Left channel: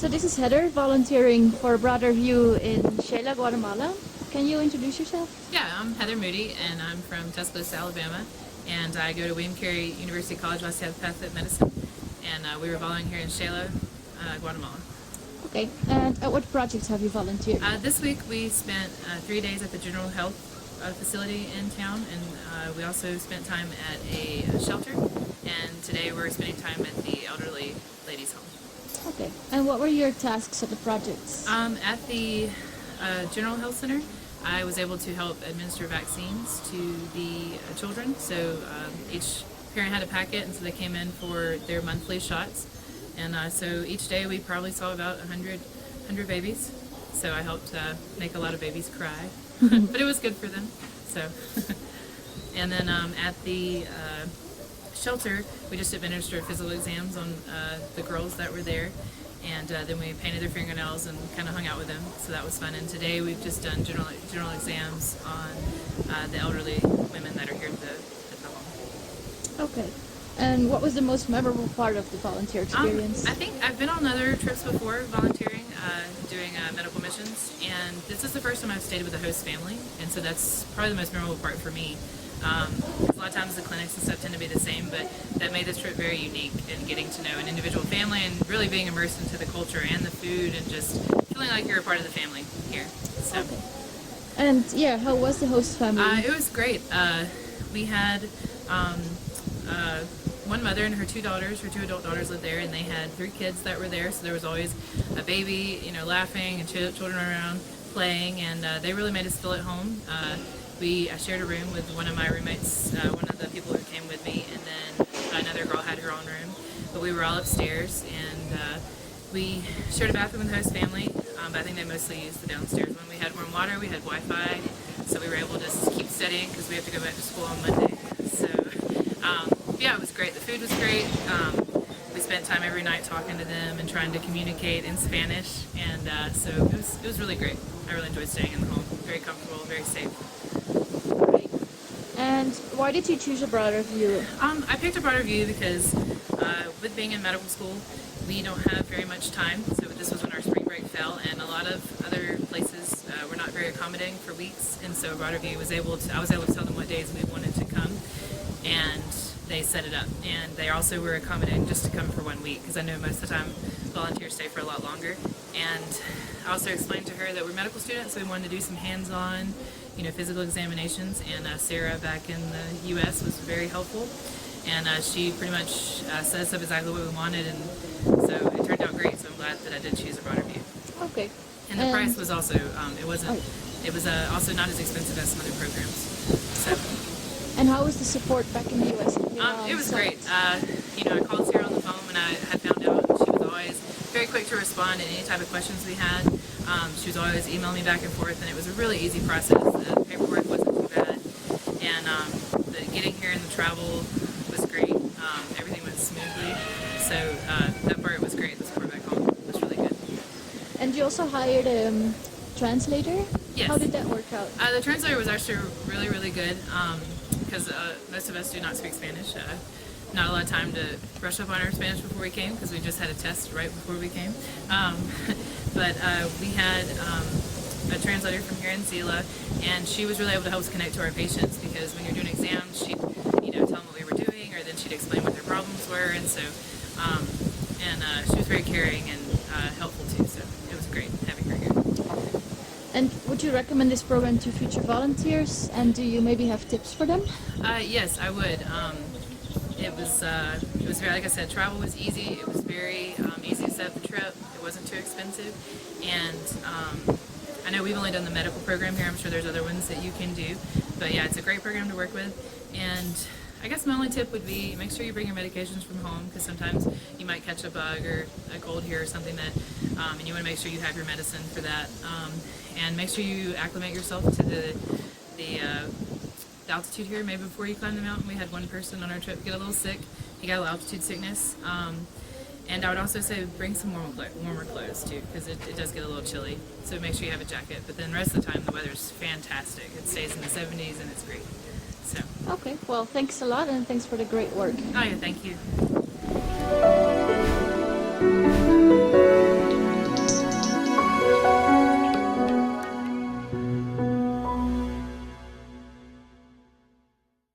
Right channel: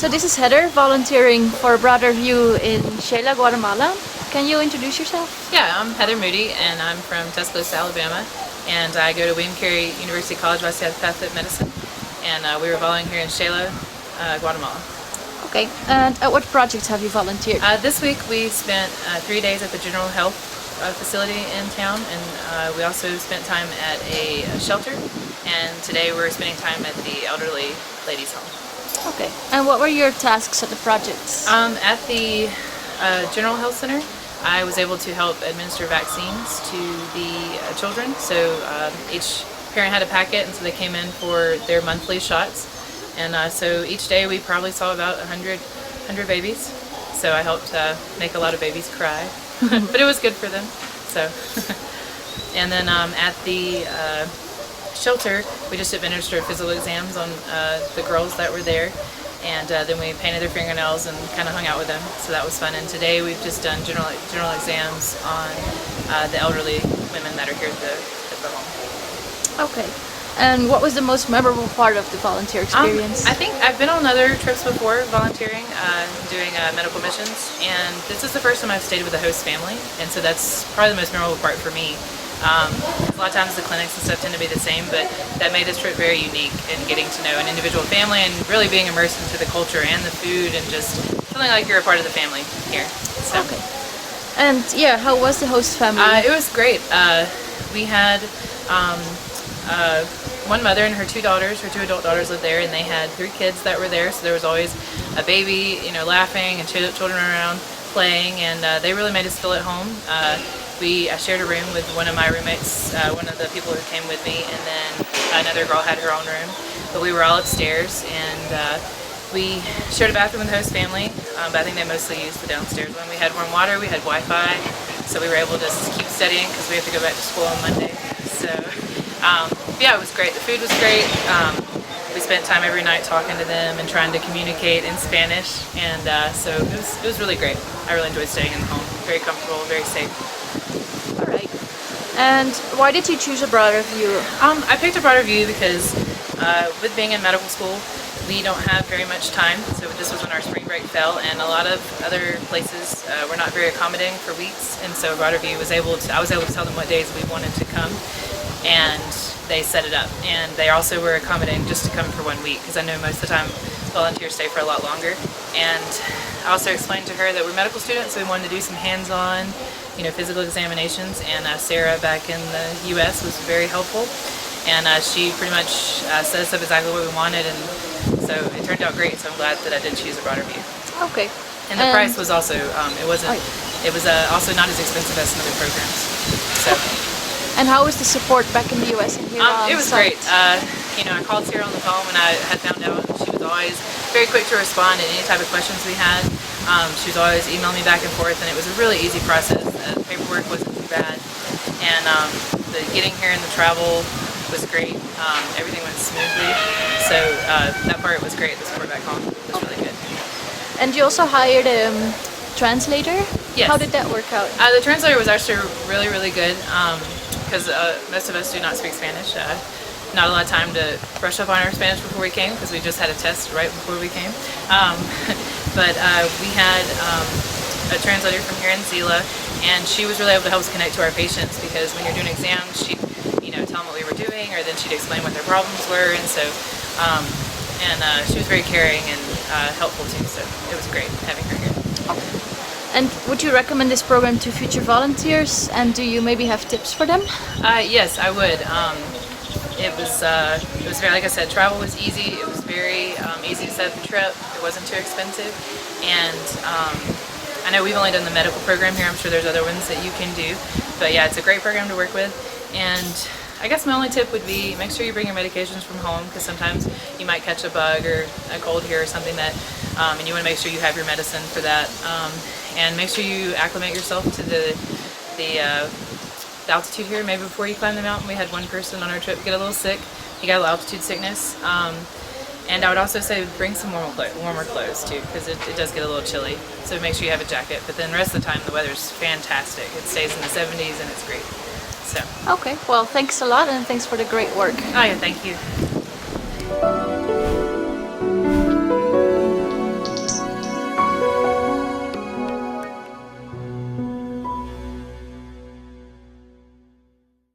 So this is Heather, volunteering for Broader View in Xela, Guatemala. Can you introduce yourself? Yeah, I'm Heather Moody, and I'm from Tuscaloosa, Alabama, and I go to William Carey University College of Osteopathic Medicine, and we were volunteering here in Xela, Guatemala. Okay, and at what projects have you volunteered? This week we spent 3 days at the General Health facility in town, and we also spent time at a shelter, and today we're spending time at the elderly ladies' home. Okay, and what were your tasks at the projects? At the General Health Center, I was able to help administer vaccines to the children. So each parent had a packet, and so they came in for their monthly shots. And so each day we probably saw about 100 babies. So I helped make a lot of babies cry, but it was good for them. So, and then at the shelter, we just administered physical exams on the girls that were there. And then we painted their fingernails and kind of hung out with them, so that was fun. And today we've just done general exams on the elderly women that are here at the home. Okay, and what was the most memorable part of the volunteer experience? I think I've been on other trips before volunteering, doing medical missions, and this is the first time I've stayed with a host family, and so that's probably the most memorable part for me. A lot of times the clinics and stuff tend to be the same, but that made this trip very unique in getting to know an individual family and really being immersed into the culture and the food and just feeling like you're a part of the family here. So. Okay. And yeah, how was the host family? It was great. We had one mother and her two daughters. Her two adult daughters lived there, and they had 3 kids that were there. So there was always a baby, laughing, and children around playing, and they really made us feel at home. I shared a room with one of my roommates, one of the people who came with me, and then another girl had her own room. But we were all upstairs, and we shared a bathroom with the host family, but I think they mostly used the downstairs one. We had warm water, we had Wi-Fi, so we were able to just keep studying because we have to go back to school on Monday. So yeah, it was great. The food was great. We spent time every night talking to them and trying to communicate in Spanish, and so it was really great. I really enjoyed staying in the home. Very comfortable, very safe. All right. And why did you choose a Broader View? I picked a Broader View because with being in medical school, we don't have very much time. So this was when our spring break fell, and a lot of other places were not very accommodating for weeks. And so Broader View I was able to tell them what days we wanted to come, and they set it up. And they also were accommodating just to come for 1 week, because I know most of the time volunteers stay for a lot longer. And I also explained to her that we're medical students, so we wanted to do some hands-on, physical examinations, and Sarah back in the U.S. was very helpful, and she pretty much set us up exactly what we wanted, and so it turned out great. So I'm glad that I did choose a Broader View. Okay. And the price was also it was also not as expensive as some other programs. So. And how was the support back in the U.S. and here on It was site? great. I called Sarah on the phone when I had found out. She was always very quick to respond to any type of questions we had. She was always emailing me back and forth, and it was a really easy process. The paperwork wasn't too bad, and the getting here and the travel was great. Everything went smoothly, so that part was great. The support back home was really good. And you also hired a translator? Yes. How did that work out? The translator was actually really, really good, because most of us do not speak Spanish. Not a lot of time to brush up on our Spanish before we came, because we just had a test right before we came. But we had a translator from here in Xela, and she was really able to help us connect to our patients, because when you're doing exams, she'd tell them what we were doing, or then she'd explain what their problems were, and so she was very caring and helpful too. So it was great having her here. And would you recommend this program to future volunteers? And do you maybe have tips for them? Yes, I would. It was very, like I said, travel was easy. It was very easy to set up the trip. It wasn't too expensive, and I know we've only done the medical program here. I'm sure there's other ones that you can do, but yeah, it's a great program to work with. And I guess my only tip would be make sure you bring your medications from home, because sometimes you might catch a bug or a cold here or something that, and you want to make sure you have your medicine for that. And make sure you acclimate yourself to the altitude here, maybe before you climb the mountain. We had one person on our trip get a little sick. He got a little altitude sickness. And I would also say bring some warmer clothes too, because it does get a little chilly. So make sure you have a jacket. But then the rest of the time the weather's fantastic. It stays in the 70s and it's great. So. Okay, well thanks a lot, and thanks for the great work. Oh yeah, thank you.